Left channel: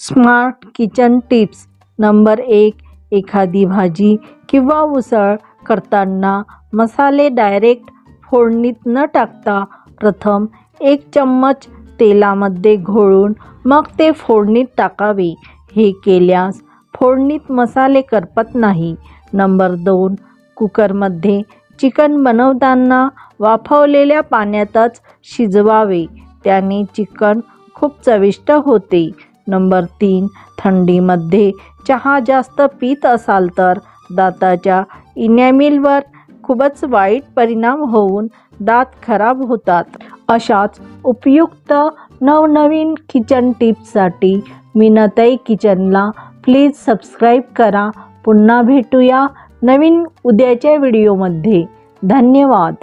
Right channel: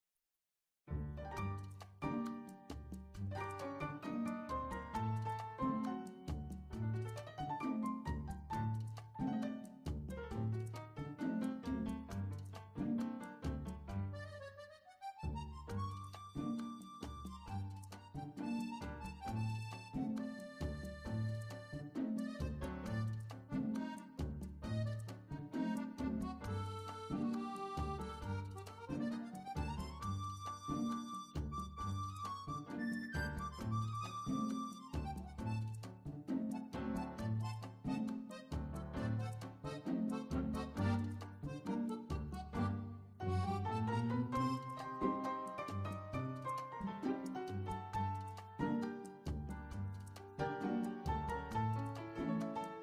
Smart kitchen tips number 1. एखादी भाजी किंवा उसळ करताना मसाले डायरेक्ट फोडणीत न टाकता प्रथम 1 चम्मच तेलामध्ये घोळून मग ते फोडणीत टाकावे. हे केल्यास फोडणीत मसाले करपत नाही. नंबर 2. कुकरमध्ये चिकन बनवताना वाफवलेल्या पाण्यातच शिजवावे. त्याने चिकन खूप चविष्ट होते. नंबर 3. थंडीमध्ये चहा जास्त पीत असाल तर दाताच्या इनॅमिलवर खूपच वाईट परिणाम होऊन दात खराब होतात. अशाच उपयुक्त नवनवीन किचन टिप्ससाठी मीनाताई किचनला प्लीज सबस्क्राईब करा. पुन्हा भेटूया नवीन उद्याच्या व्हिडिओमध्ये. धन्यवाद.